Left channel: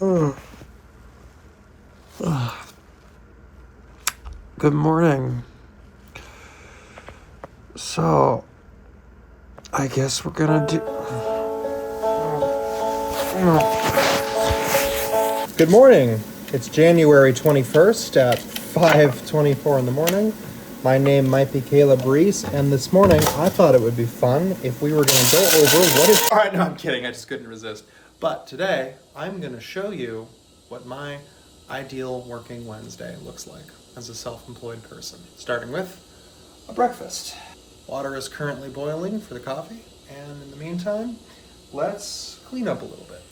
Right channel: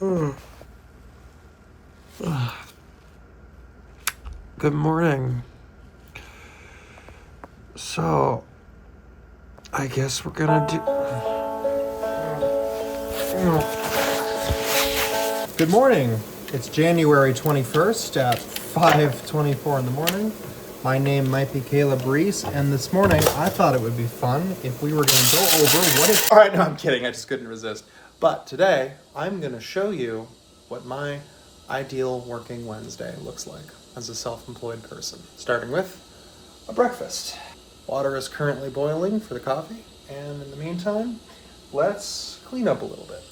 Mm. Good morning. So, I guess we're gonna do. Good morning. It's January 21st at 5:24 in the morning. My name might be Caleb Reese, and this morning I thought it would be fun if we were gonna go over what if. All right, no, I'm kidding. I just couldn't resist. But today I'm gonna show you what my ideal working Wednesday looks like as a self-employed person, starting with a breakfast. Water is currently boiling for the coffee, and in the meantime, let's clean up a little bit.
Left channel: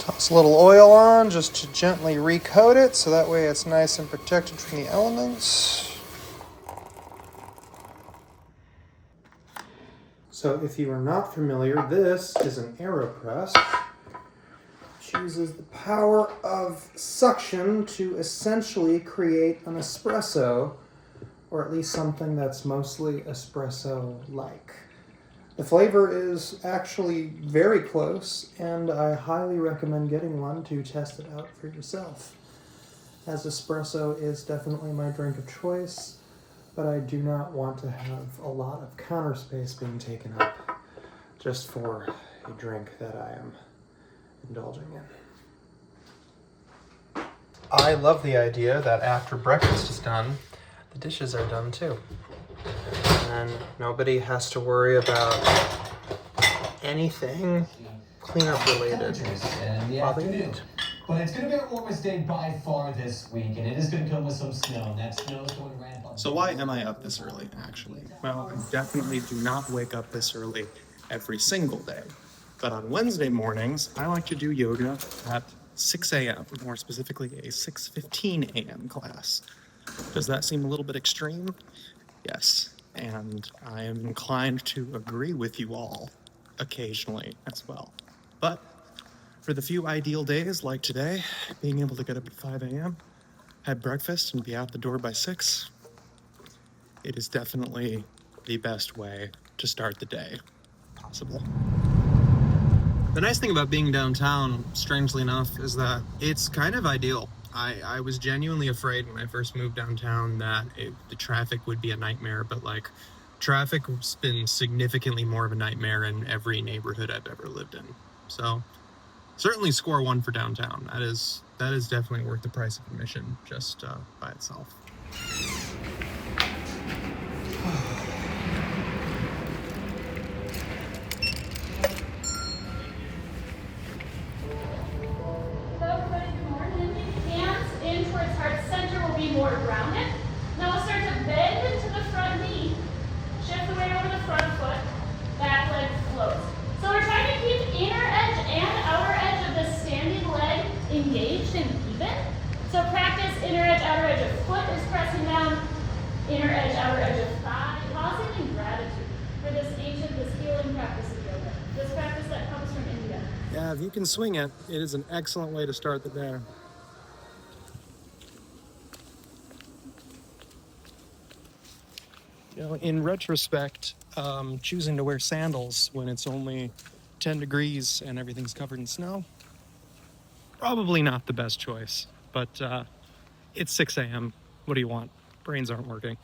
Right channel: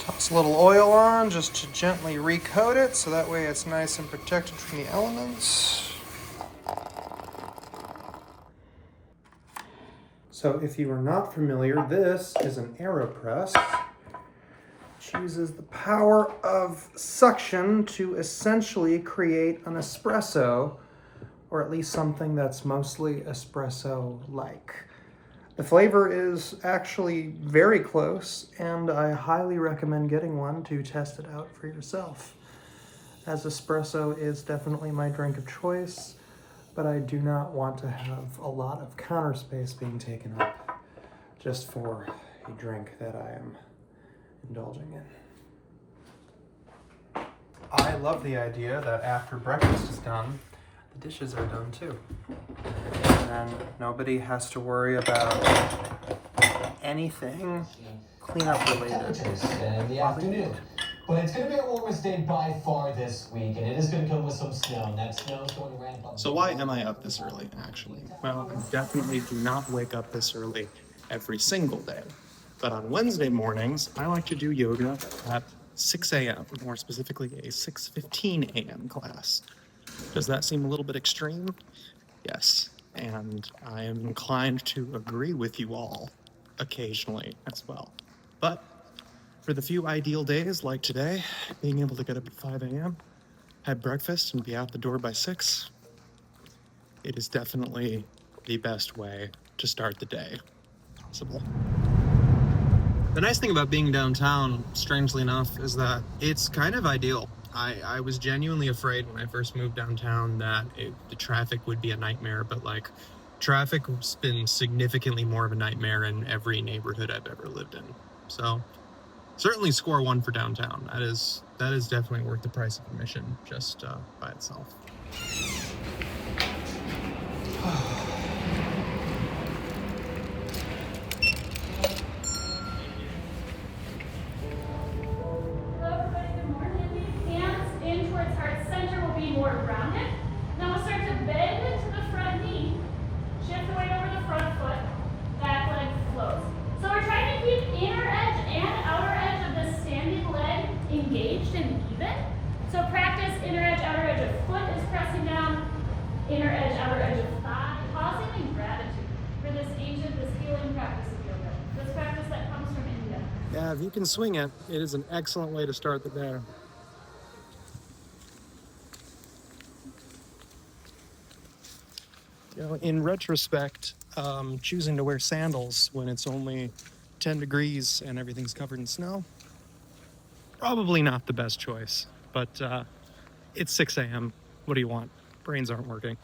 Toss a little oil on just to gently recoat it so that way it's nice and protected from the elements. So if you are not familiar, this is an AeroPress, which uses the power of suction to essentially create an espresso, or at least something that's mostly espresso-like. The flavor is actually very close, and I highly recommend getting one to test it out for yourself, as espresso is definitely my drink of choice, but I do not want to have a lot of counter space being taken up just for a drink that I am indulging in. I love the idea that after breakfast is done, the dishes are done too. And nobody has to worry about anything cleanup related. But it's going to be our warmest day by far this week, and it is going to come with some snow. And that snow is going to ramp up. So why am I up this early, actually? Well, I definitely do not wake up this early every single day. But on Wednesday mornings, I like to do yoga at 6 a.m., more specifically a 6:15 a.m. class. Does that seem a little bit extreme? Yes, and I am inclined to agree with you all occasionally as well. But for the few ideal days like today, being able to get up at 5 a.m., have breakfast, and be out the door by 6, it is definitely the best way to start the day possible. The nice thing about being downtown, strangely enough, is that it's kind of ideal. I was genuinely afraid when I first moved downtown that the traffic would be a nightmare, but traffic's been significantly more of a nightmare in every neighborhood I've ever lived in. So certainly score 1 for downtown. That is definitely worth the price of admission just by itself. More grounded. Now we'll start to bend into the front knee. Shift the weight over the front foot. Back leg floats. So we're trying to keep inner edge and outer edge of the standing leg engaged and even. So practice inner edge, outer edge of foot is pressing down. Inner edge, outer edge of thigh. Pausing in gratitude for this healing practice of yoga. This practice that comes from India. Yeah, if you can swing it, it is an excellent way to start the day. You know, in retrospect, choosing to wear sandals when it's only 10 degrees and everything's covered in snow, probably not the best choice. But it's 6 a.m. What do you want? Brains aren't working.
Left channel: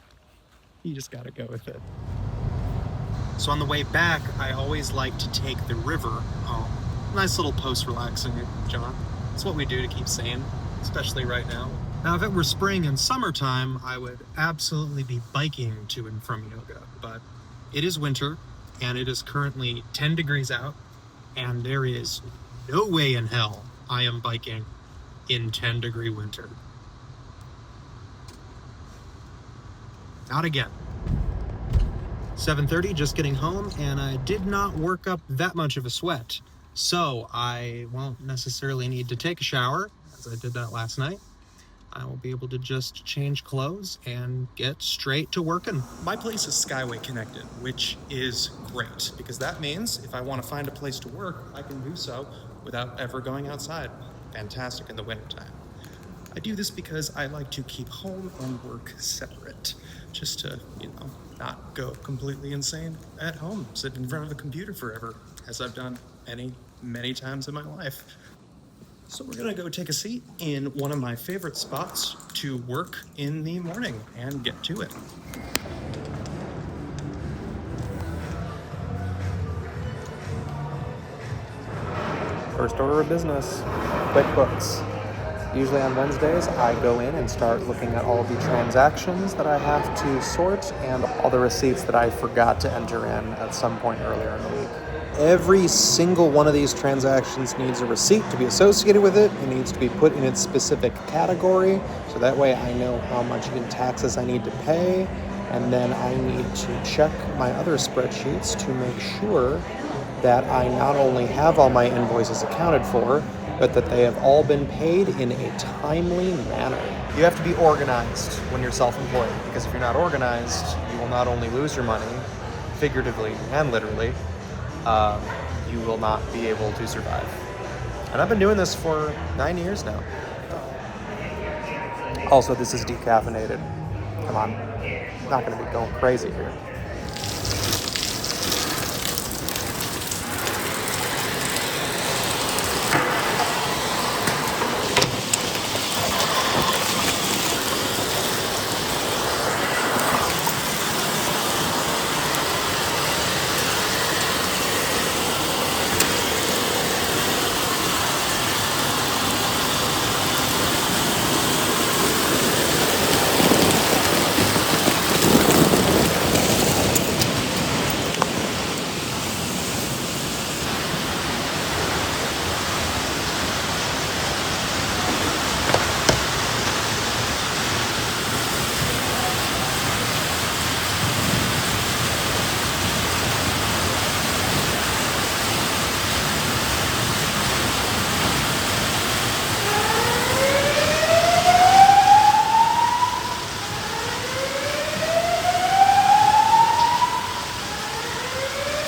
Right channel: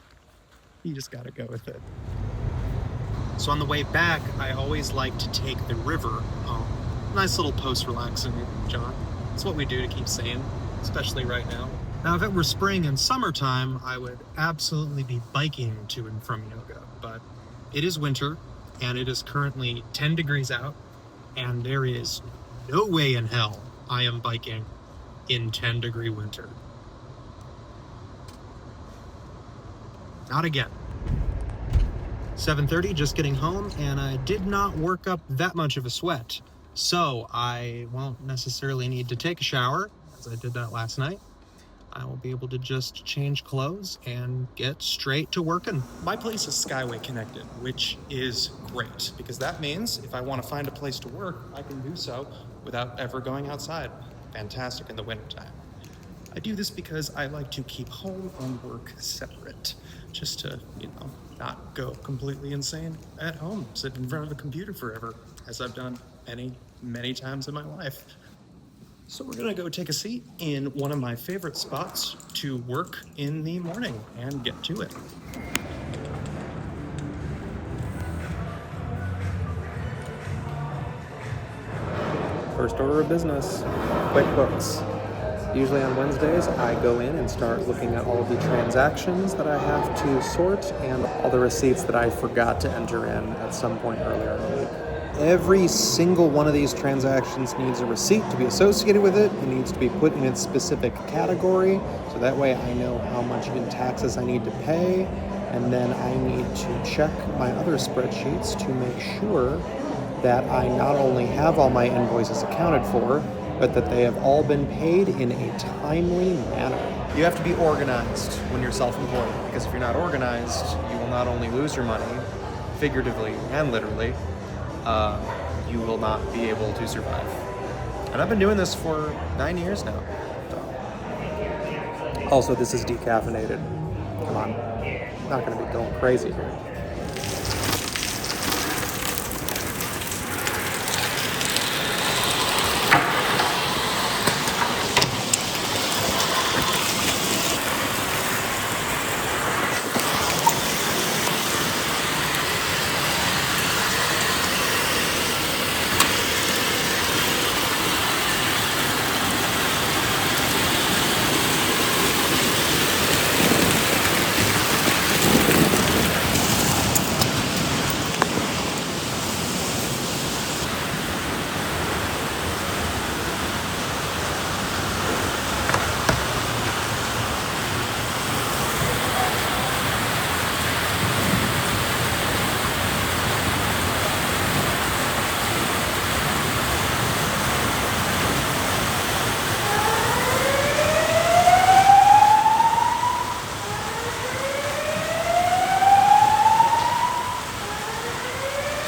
You just gotta go with it. So on the way back, I always like to take the river home. Nice little post-relaxing jaunt. It's what we do to keep sane, especially right now. Now, if it were spring and summertime, I would absolutely be biking to and from yoga. But it is winter, and it is currently 10 degrees out, and there is no way in hell I am biking in 10-degree winter. Not again. 7:30, just getting home, and I did not work up that much of a sweat. So I won't necessarily need to take a shower, as I did that last night. I will be able to just change clothes and get straight to working. My place is Skyway connected, which is great, because that means if I want to find a place to work, I can do so without ever going outside. Fantastic in the wintertime. I do this because I like to keep home and work separate, just to, not go completely insane at home, sitting in front of a computer forever, as I've done many, many times in my life. So we're gonna go take a seat in one of my favorite spots to work in the morning and get to it. First order of business, QuickBooks. Usually on Wednesdays, I go in and start looking at all of the transactions that I have to sort and all the receipts that I forgot to enter in at some point earlier in the week. Every single one of these transactions needs a receipt to be associated with it. It needs to be put in its specific category, so that way I know how much in taxes I need to pay, and then I need to check my other spreadsheets to make sure that I not only have all my invoices accounted for, but that they have all been paid in a timely manner. You have to be organized when you're self-employed, because if you're not organized, you will not only lose your money, figuratively and literally, you will not be able to survive. And I've been doing this for 9 years now. Also, this is decaffeinated. Come on, I'm not gonna be going crazy here.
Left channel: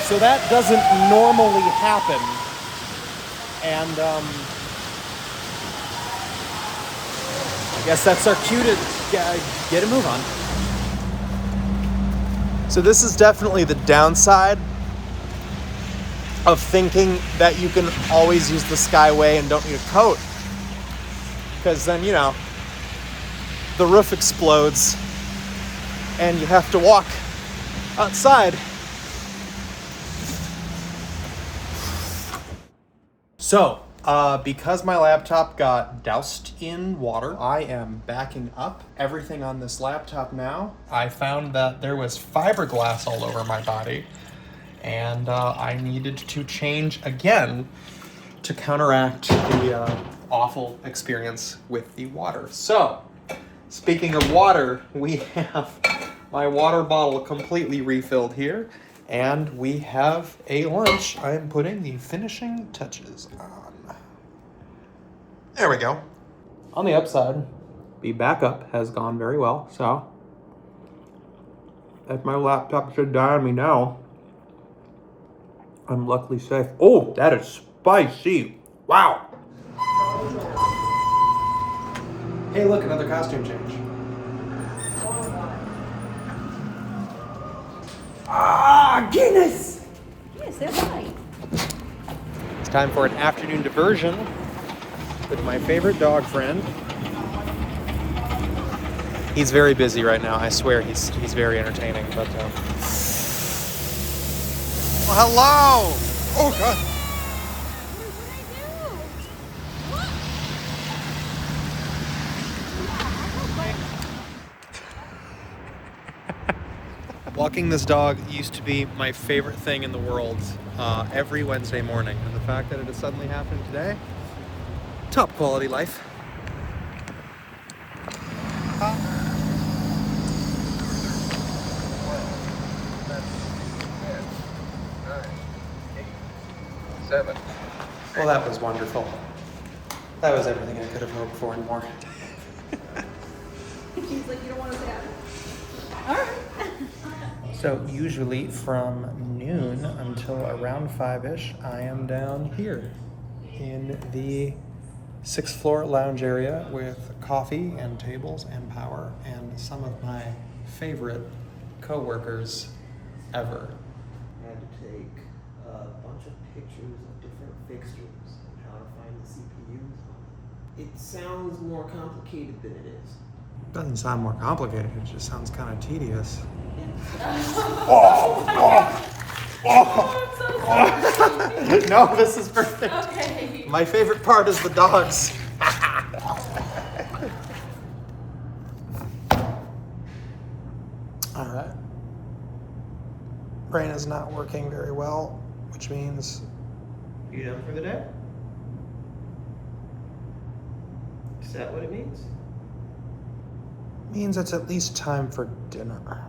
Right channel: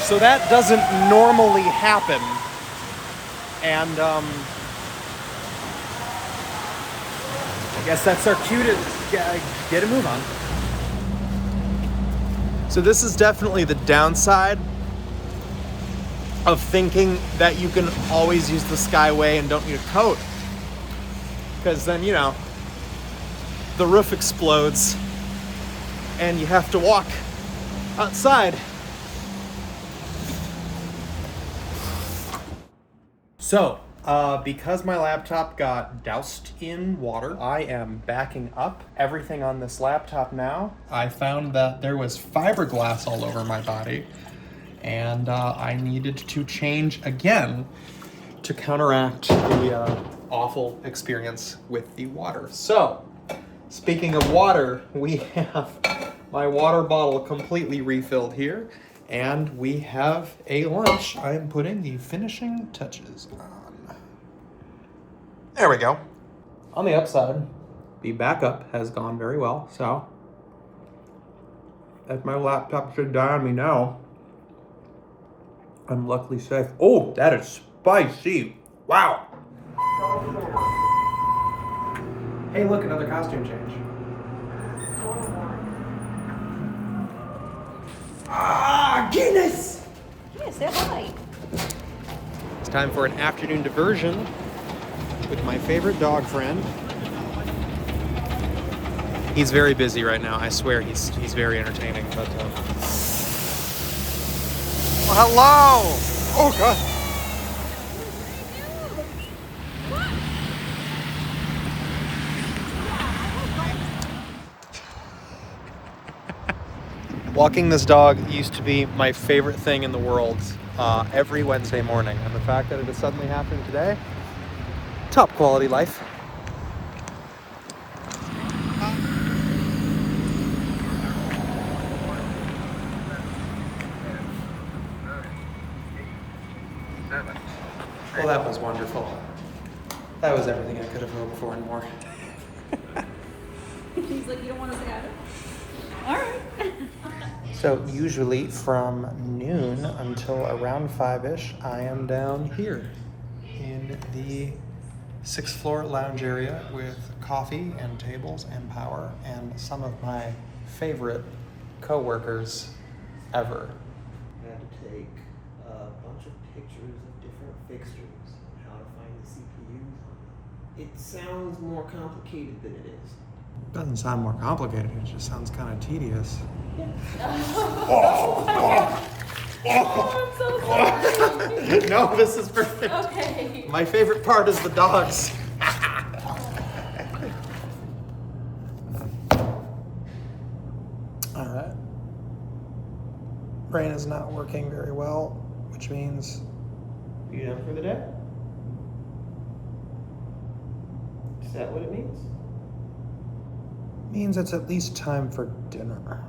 So that doesn't normally happen, and I guess that's our cue to get a move on. So this is definitely the downside of thinking that you can always use the Skyway and don't need a coat, because then, the roof explodes and you have to walk outside. So, because my laptop got doused in water, I am backing up everything on this laptop now. I found that there was fiberglass all over my body, and I needed to change again to counteract the awful experience with the water. So, speaking of water, we have my water bottle completely refilled here. And we have a lunch. I am putting the finishing touches on. There we go. On the upside, the backup has gone very well. So, if my laptop should die on me now, I'm luckily safe. Oh, that is spicy. Wow. Hey, look, another costume change. Ah, Guinness! Yes, they're fine. It's time for an afternoon diversion with my favorite dog friend. He's very busy right now. I swear he's very entertaining. But well, hello! Oh God! Walking this dog used to be my favorite thing in the world every Wednesday morning, and the fact that it is suddenly happening today, top quality life. Well, that was wonderful. That was everything I could have hoped for and more. She's like, you don't want to sit down? All right. So usually from noon until around 5-ish, I am down here in the 6th floor lounge area with coffee and tables and power and some of my favorite co-workers ever. I had to take a bunch of pictures of different fixtures and how to find the CPUs on them. It sounds more complicated than it is. Doesn't sound more complicated, it just sounds kind of tedious. No, this is perfect. Okay. My favorite part is the dogs. All right. Brain is not working very well, which means You done for the day? Is that what it means? it's at least time for dinner.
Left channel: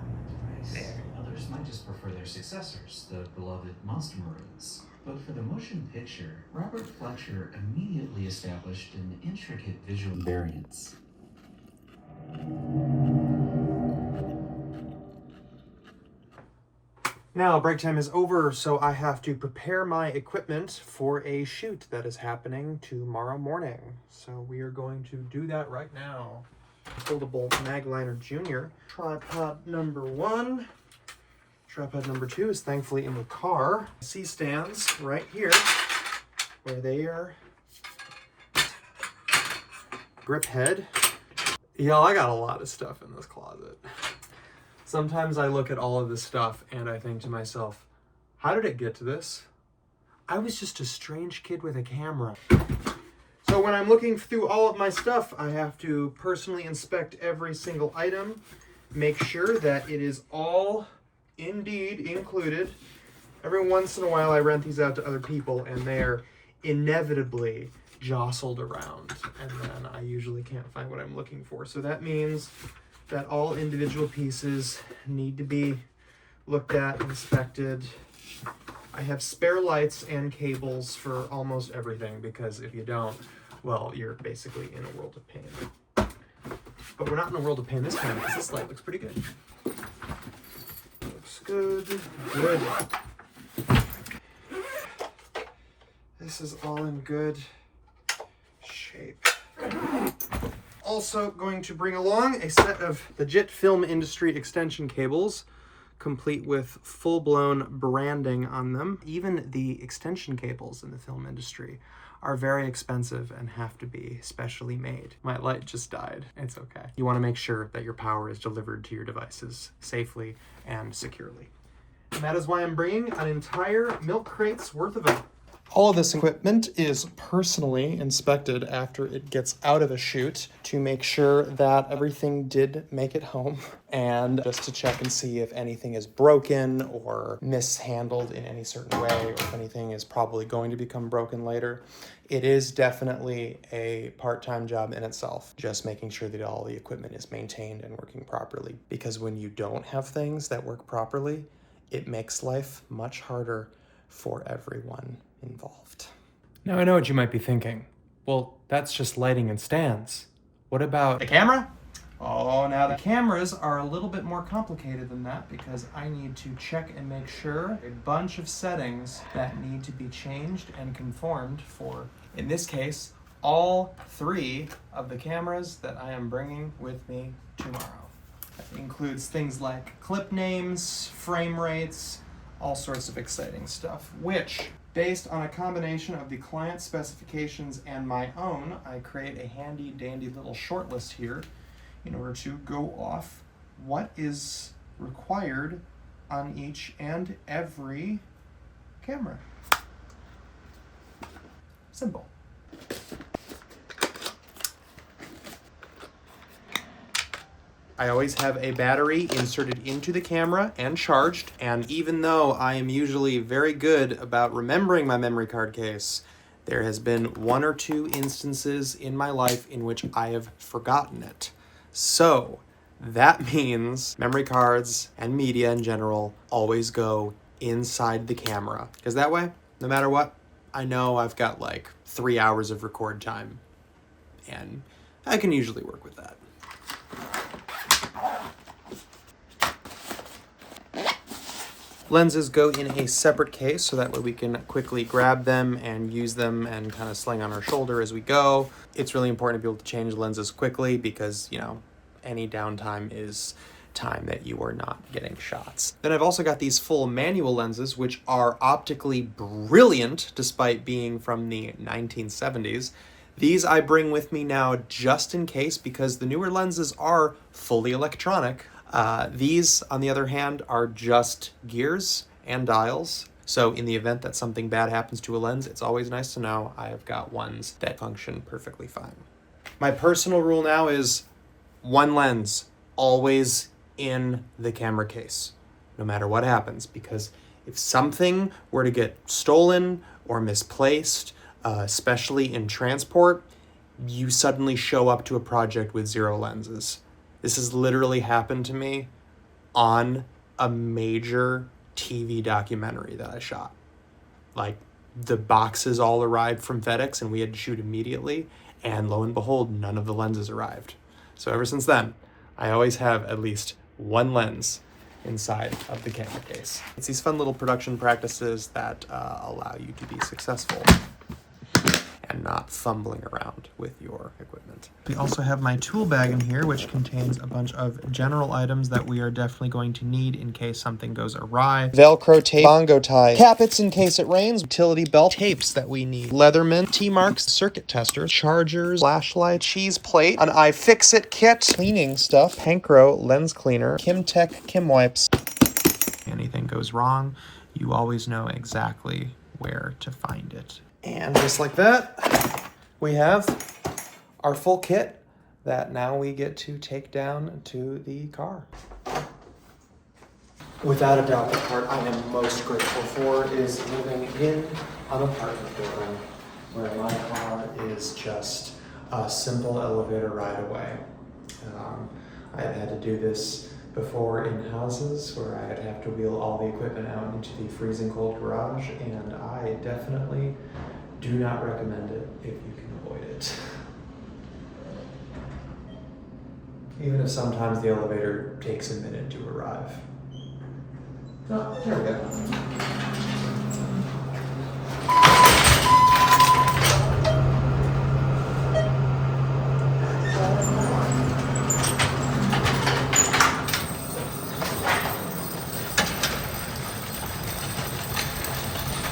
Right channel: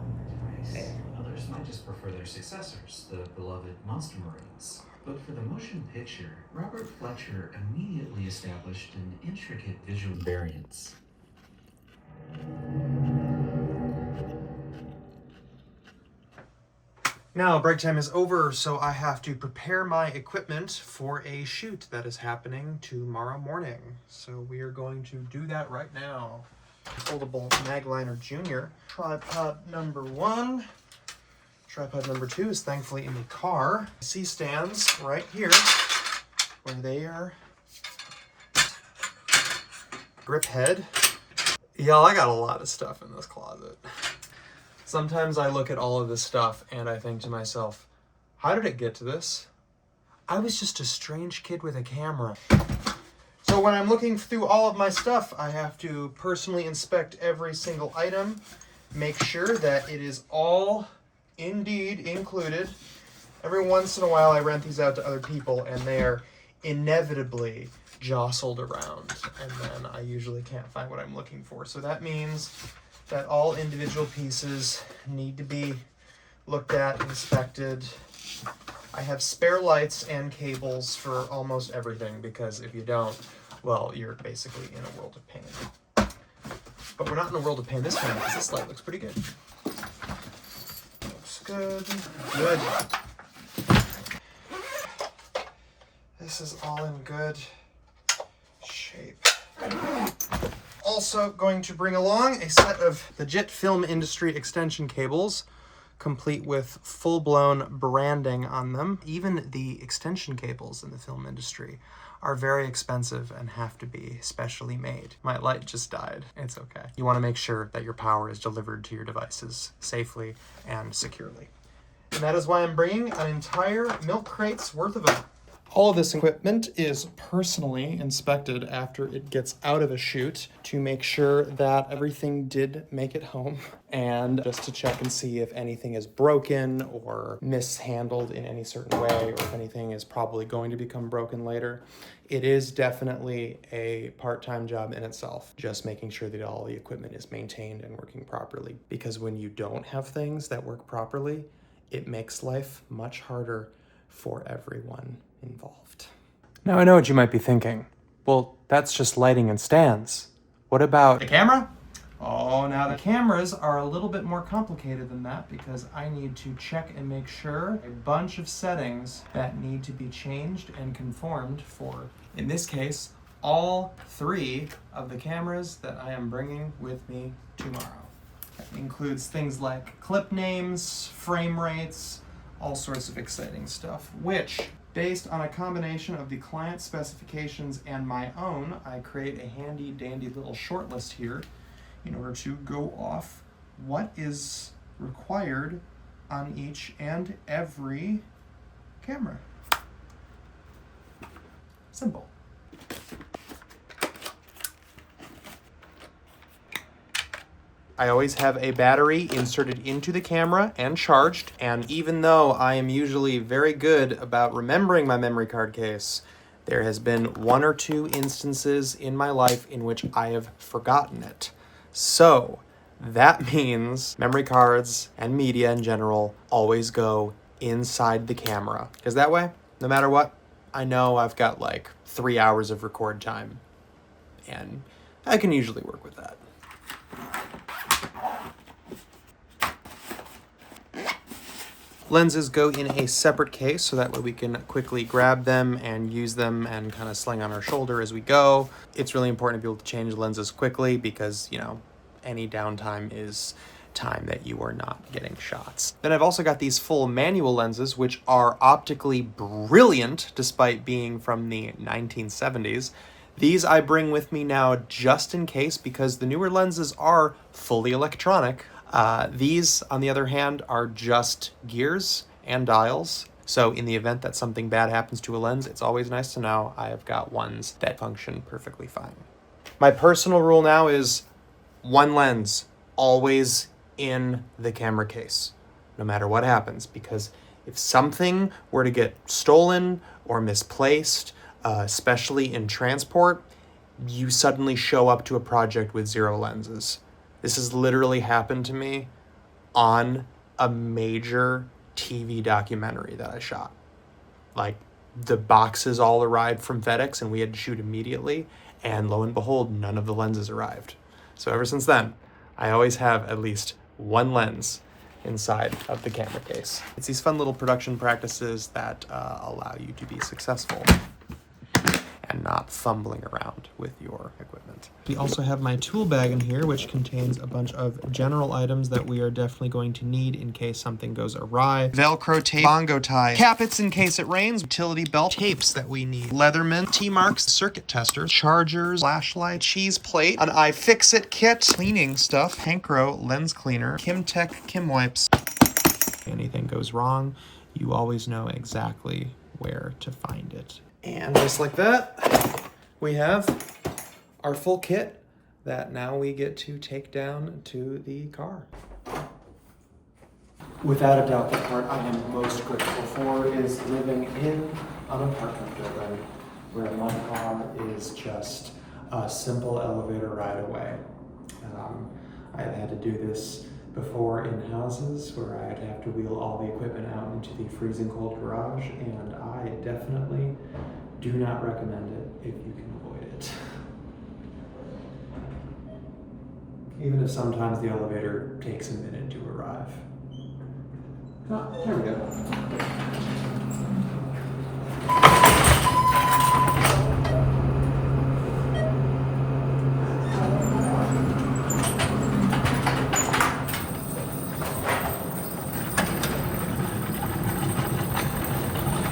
Others might just prefer their successors, the beloved Monster Marines. But for the motion picture, Robert Fletcher immediately established an intricate visual variance. Now, break time is over, so I have to prepare my equipment for a shoot that is happening tomorrow morning. So we are going to do that right now. Foldable Magliner Jr. Tripod number 1. Tripod number 2 is thankfully in the car. C-stands right here, where they are. Grip head. Y'all, I got a lot of stuff in this closet. Sometimes I look at all of this stuff and I think to myself, how did it get to this? I was just a strange kid with a camera. So when I'm looking through all of my stuff, I have to personally inspect every single item, make sure that it is all indeed included. Every once in a while I rent these out to other people and they are inevitably jostled around, and then I usually can't find what I'm looking for. So that means that all individual pieces need to be looked at, inspected. I have spare lights and cables for almost everything, because if you don't, well, you're basically in a world of pain. But we're not in a world of pain this time, because this light looks pretty good. Looks good. Good. This is all in good shape. Also going to bring along a set of legit film industry extension cables, complete with full-blown branding on them. Even the extension cables in the film industry are very expensive and have to be specially made. My light just died. It's okay. You want to make sure that your power is delivered to your devices safely and securely. And that is why I'm bringing an entire milk crate's worth of it. All of this equipment is personally inspected after it gets out of a shoot to make sure that everything did make it home, and just to check and see if anything is broken or mishandled in any certain way, or if anything is probably going to become broken later. It is definitely a part-time job in itself, just making sure that all the equipment is maintained and working properly. Because when you don't have things that work properly, it makes life much harder for everyone involved. Now I know what you might be thinking. Well, that's just lighting and stands. What about the camera? Oh, now the cameras are a little bit more complicated than that, because I need to check and make sure a bunch of settings that need to be changed and conformed for, in this case, all 3 of the cameras that I am bringing with me tomorrow. It includes things like clip names, frame rates, all sorts of exciting stuff, which, based on a combination of the client specifications and my own, I create a handy dandy little short list here in order to go off what is required on each and every camera. Simple. I always have a battery inserted into the camera and charged, and even though I am usually very good about remembering my memory card case, there has been 1 or 2 instances in my life in which I have forgotten it. So that means memory cards and media in general always go inside the camera, because that way, no matter what, I know I've got like 3 hours of record time, and I can usually work with that. Lenses go in a separate case so that way we can quickly grab them and use them and kind of sling on our shoulder as we go. It's really important to be able to change lenses quickly because, you know, any downtime is time that you are not getting shots. Then I've also got these full manual lenses, which are optically brilliant despite being from the 1970s. These I bring with me now just in case because the newer lenses are fully electronic. These, on the other hand, are just gears and dials. So in the event that something bad happens to a lens, it's always nice to know I have got ones that function perfectly fine. My personal rule now is one lens, always in the camera case, no matter what happens, because if something were to get stolen or misplaced, especially in transport, you suddenly show up to a project with 0 lenses. This has literally happened to me on a major TV documentary that I shot. Like, the boxes all arrived from FedEx and we had to shoot immediately, and lo and behold, none of the lenses arrived. So ever since then, I always have at least one lens inside of the camera case. It's these fun little production practices that allow you to be successful and not fumbling around with your equipment. We also have my tool bag in here, which contains a bunch of general items that we are definitely going to need in case something goes awry. Velcro tape, bongo ties, cappets in case it rains, utility belt, tapes that we need, Leatherman, T-marks, circuit tester, chargers, flashlight, cheese plate, an iFixit kit, cleaning stuff, Hankro lens cleaner, Kimtech Kim wipes. Anything goes wrong, you always know exactly where to find it. And just like that, we have our full kit that now we get to take down to the car. Without a doubt, the part I am most grateful for is living in an apartment building where my car is just a simple elevator ride away. I had to do this before in houses where I'd have to wheel all the equipment out into the freezing cold garage, and I definitely do not recommend it if you can avoid it. Even if sometimes the elevator takes a minute to arrive. Oh, here we go.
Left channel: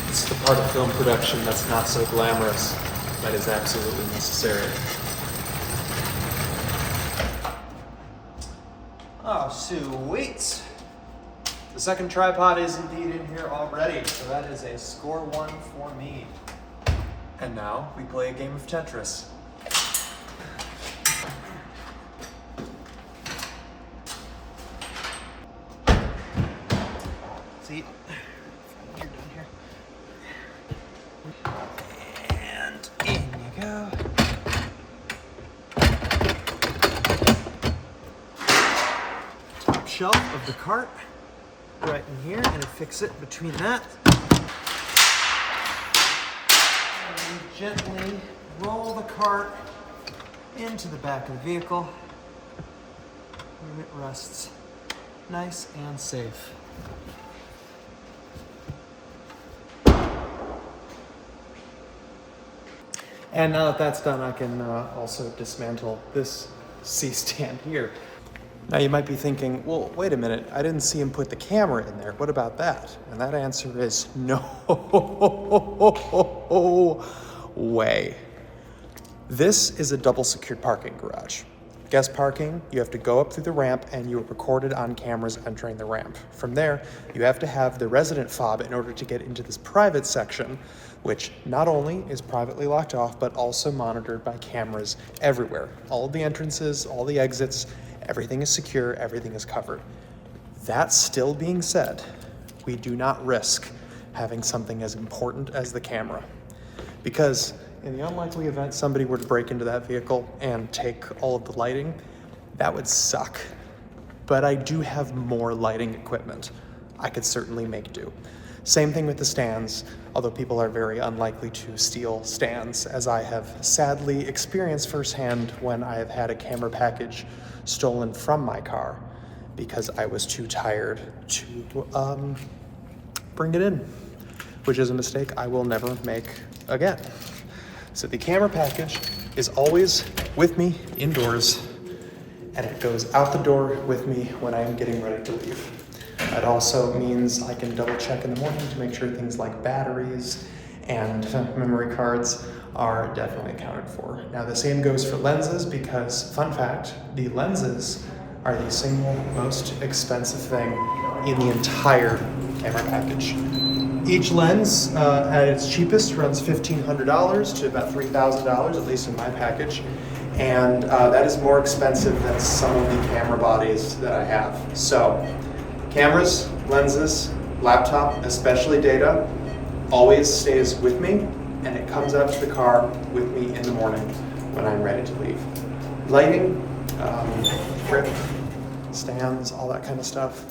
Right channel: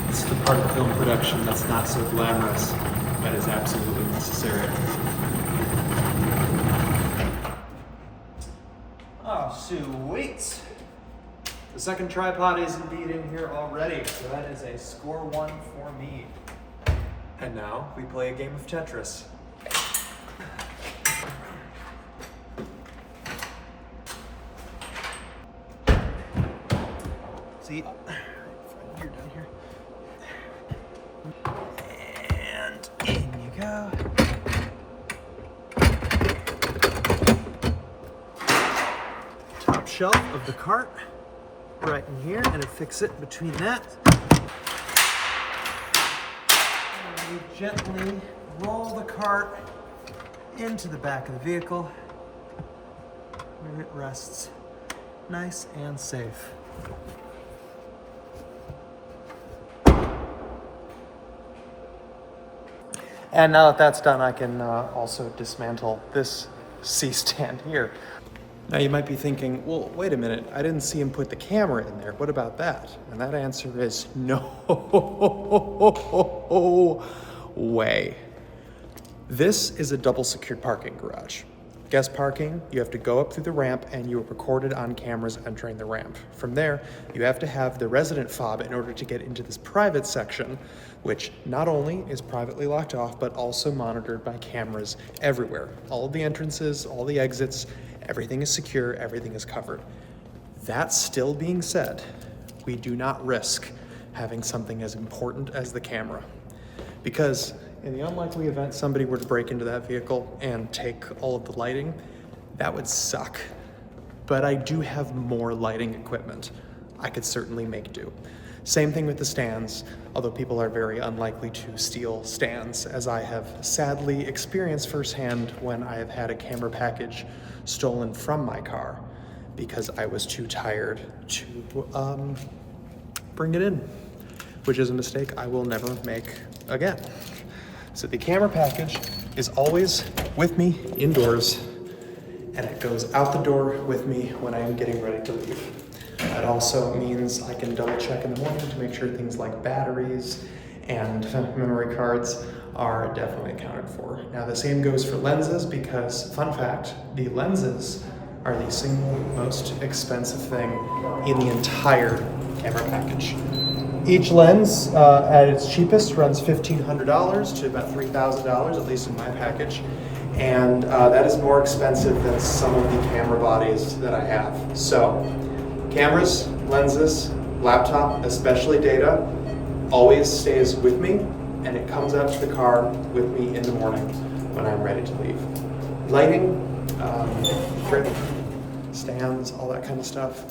It's the part of film production that's not so glamorous, but is absolutely necessary. Oh, sweet. The second tripod is indeed in here already, so that is a score 1 for me. And now we play a game of Tetris. See, you're done here. And in you go. Top shelf of the cart, right in here, and affix it between that. And we gently roll the cart into the back of the vehicle, where it rests nice and safe. And now that that's done, I can also dismantle this C-stand here. Now you might be thinking, well, wait a minute, I didn't see him put the camera in there. What about that? And that answer is no way. This is a double secured parking garage. Guest parking, you have to go up through the ramp and you are recorded on cameras entering the ramp. From there, you have to have the resident fob in order to get into this private section, which not only is privately locked off, but also monitored by cameras everywhere. All of the entrances, all the exits, everything is secure, everything is covered. That still being said, we do not risk having something as important as the camera. Because in the unlikely event somebody were to break into that vehicle and take all of the lighting, that would suck. But I do have more lighting equipment. I could certainly make do. Same thing with the stands, although people are very unlikely to steal stands, as I have sadly experienced firsthand when I have had a camera package stolen from my car because I was too tired to bring it in, which is a mistake I will never make again. So the camera package is always with me indoors, and it goes out the door with me when I am getting ready to leave. It also means I can double check in the morning to make sure things like batteries and memory cards are definitely accounted for. Now the same goes for lenses because, fun fact, the lenses are the single most expensive thing in the entire camera package. Each lens at its cheapest runs $1,500 to about $3,000, at least in my package. And that is more expensive than some of the camera bodies that I have. So cameras, lenses, laptop, especially data, always stays with me, and it comes out to the car with me in the morning when I'm ready to leave. Lighting, grip, stands, all that kind of stuff.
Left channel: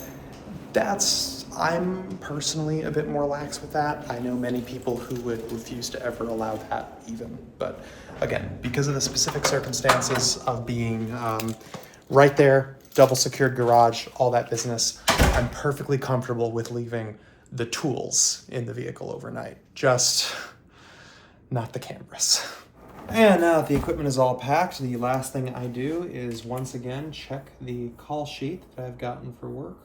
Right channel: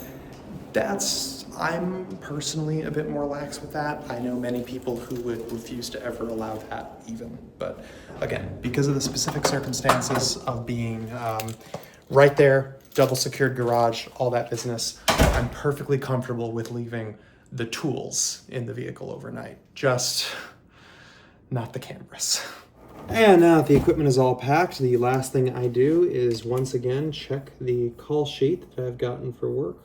I'm personally a bit more lax with that. I know many people who would refuse to ever allow that even. But again, because of the specific circumstances of being right there, double secured garage, all that business, I'm perfectly comfortable with leaving the tools in the vehicle overnight, just not the cameras. And now that the equipment is all packed, the last thing I do is once again check the call sheet that I've gotten for work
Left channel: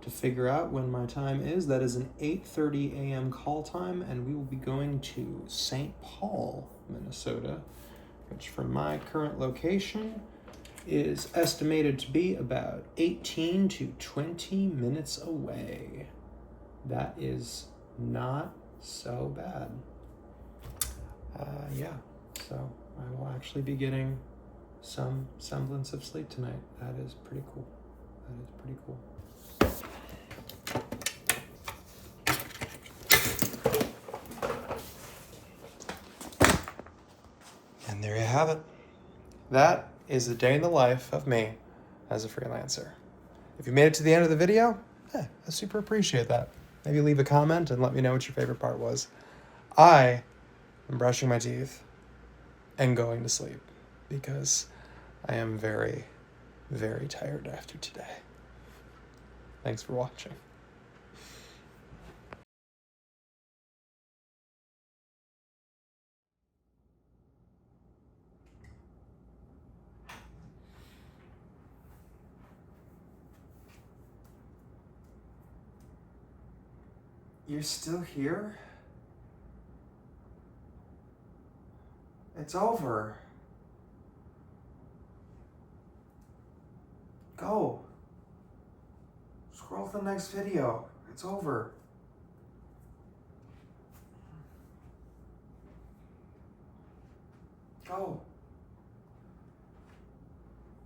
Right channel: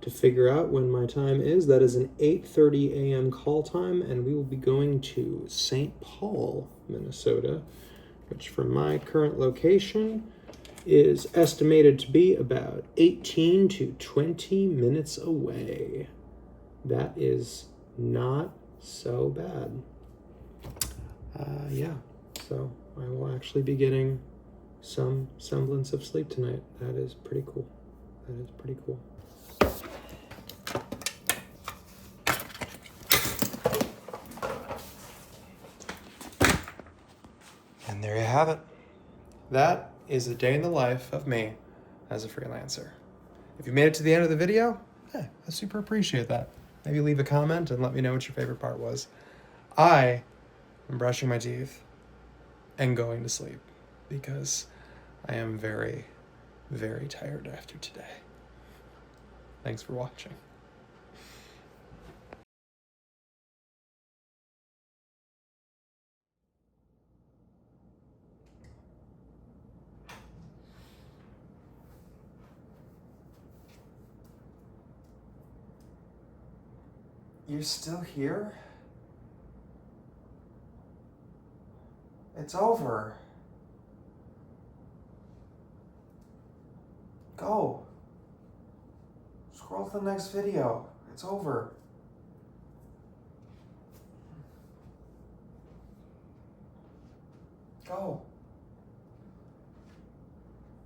to figure out when my time is. That is an 8:30 a.m. call time, and we will be going to St. Paul, Minnesota, which from my current location is estimated to be about 18 to 20 minutes away. That is not so bad. Yeah, so I will actually be getting some semblance of sleep tonight. That is pretty cool. That is pretty cool. And there you have it. That is a day in the life of me as a freelancer. If you made it to the end of the video, I super appreciate that. Maybe leave a comment and let me know what your favorite part was. I am brushing my teeth and going to sleep because I am very, very tired after today. Thanks for watching. You're still here? It's over. Go. Scroll to the next video. It's over. Go.